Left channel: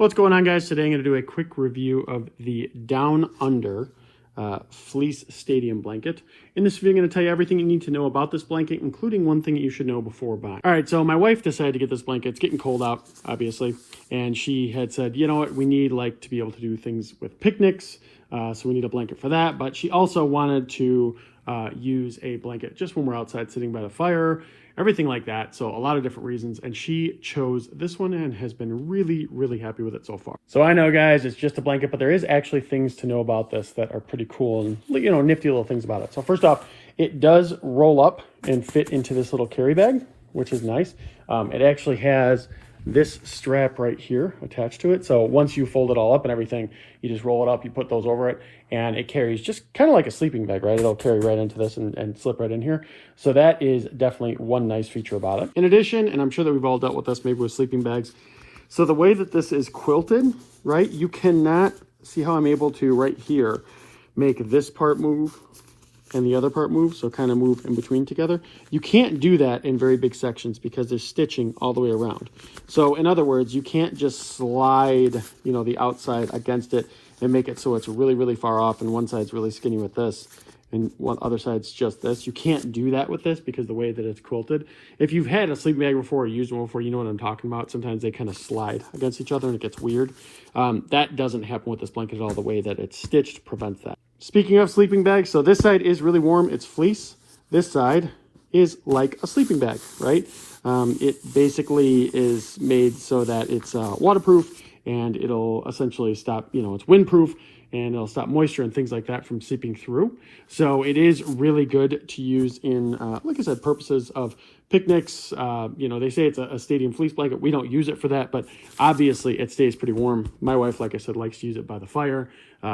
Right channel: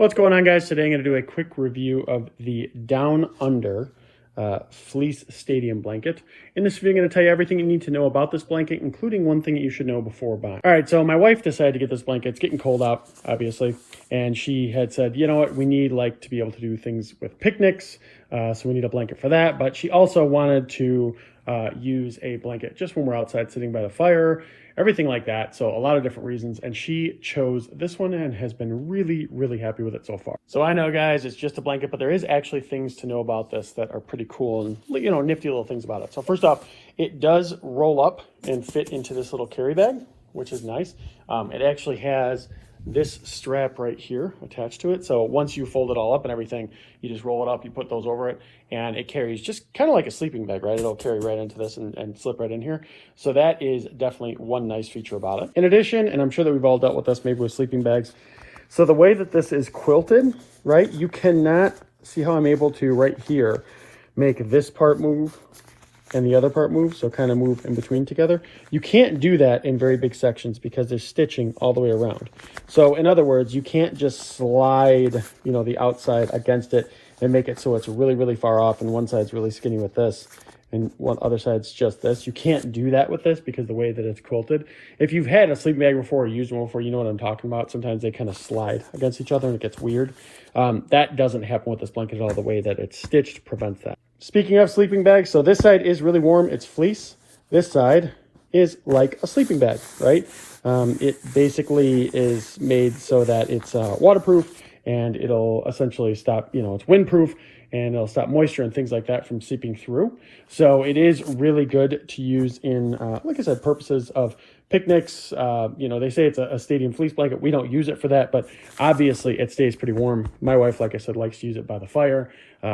What's going on, guys? Today I'm going to do a quick review of the Down Under Fleece Stadium blanket. In this video, I'm going to tell you everything you need to know about this blanket, including one thing that you should know before buying. All right, so my wife decided to get this blanket. It's getting cold out, obviously, and she had said, you know what, we need to be able to do things with picnics, so we need a blanket for that. But she also wanted to use a blanket just when we're outside sitting by the fire, everything like that. So a lot of different reasons. And she chose this one and has been really, really happy with it so far. So I know, guys, it's just a blanket, but there is actually things to know about this that are pretty cool and, you know, nifty little things about it. So first off, it does roll up and fit into this little carry bag, which is nice. It actually has this strap right here attached to it. So once you fold it all up and everything, you just roll it up, you put those over it, and it carries just kind of like a sleeping bag, right? It'll carry right into this and slip right in here. So that is definitely one nice feature about it. In addition, and I'm sure that we've all dealt with this maybe with sleeping bags. So the way that this is quilted, right? You cannot see how I'm able to right here make this part move and the other part move, so kind of move in between together. You can't do that in very big sections because there's stitching all the way around. So in other words, you can't just slide, you know, the outside against it and make it so it's really, really far off and one side's really skinny with this and one other side's just this. You can't do that with this because the way that it's quilted. If you've had a sleeping bag before or used one before, you know what I'm talking about. Sometimes they kind of slide against each other and it gets weird. That doesn't happen with this blanket at all. The way that it's stitched prevents that. Speaking of sleeping bags, so this side is really warm. It's fleece. This side is like a sleeping bag, right? It basically is made so that it's waterproof and it'll essentially stop, you know, it's windproof and it'll stop moisture and things like that from seeping through. So it is really good to use in, like I said, purposes of picnics. You know, they say it's a stadium fleece blanket. We don't use it for that, but obviously it stays pretty warm. My wife, like I said, likes to use it by the fire.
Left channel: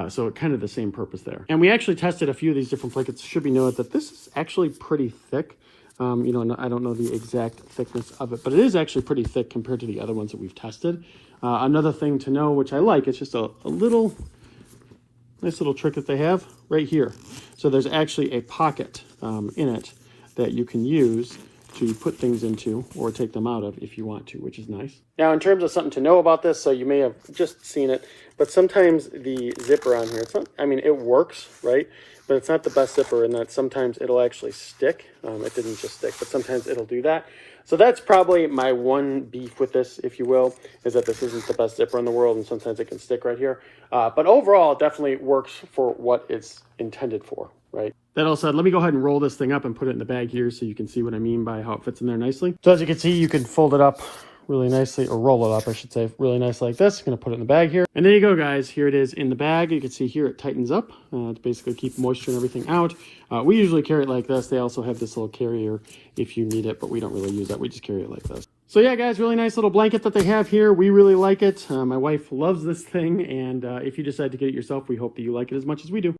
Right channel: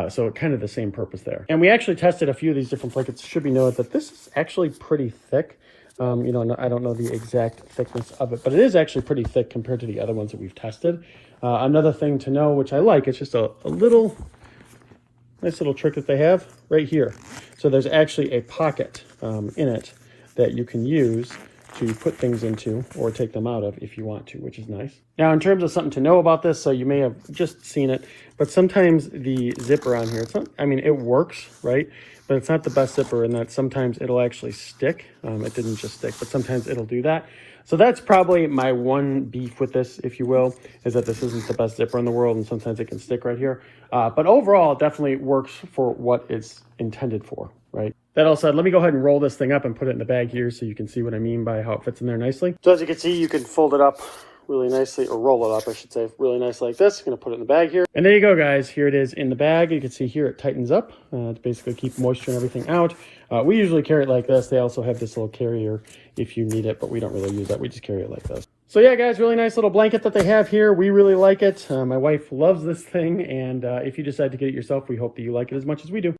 So kind of the same purpose there. And we actually tested a few of these different blankets. It should be noted that this is actually pretty thick. You know, I don't know the exact thickness of it, but it is actually pretty thick compared to the other ones that we've tested. Another thing to know, which I like, it's just a nice little trick that they have right here. So there's actually a pocket in it that you can use to put things into or take them out of if you want to, which is nice. Now, in terms of something to know about this, so you may have just seen it, but sometimes the zipper on here, it works, right? But it's not the best zipper in that sometimes it'll actually stick. It didn't just stick, but sometimes it'll do that. So that's probably my one beef with this, if you will, is that this isn't the best zipper in the world and sometimes it can stick right here. But overall, it definitely works for what it's intended for, right? That all said, let me go ahead and roll this thing up and put it in the bag here so you can see what I mean by how it fits in there nicely. So as you can see, you can fold it up really nicely, or roll it up, I should say, really nice like this. I'm gonna put it in the bag here. And there you go, guys. Here it is in the bag. You can see here it tightens up to basically keep moisture and everything out. We usually carry it like this. They also have this little carrier if you need it, but we don't really use that. We just carry it like this. So yeah, guys, really nice little blanket that they have here. We really like it. My wife loves this thing, and if you decide to get it yourself, we hope that you like it as much as we do.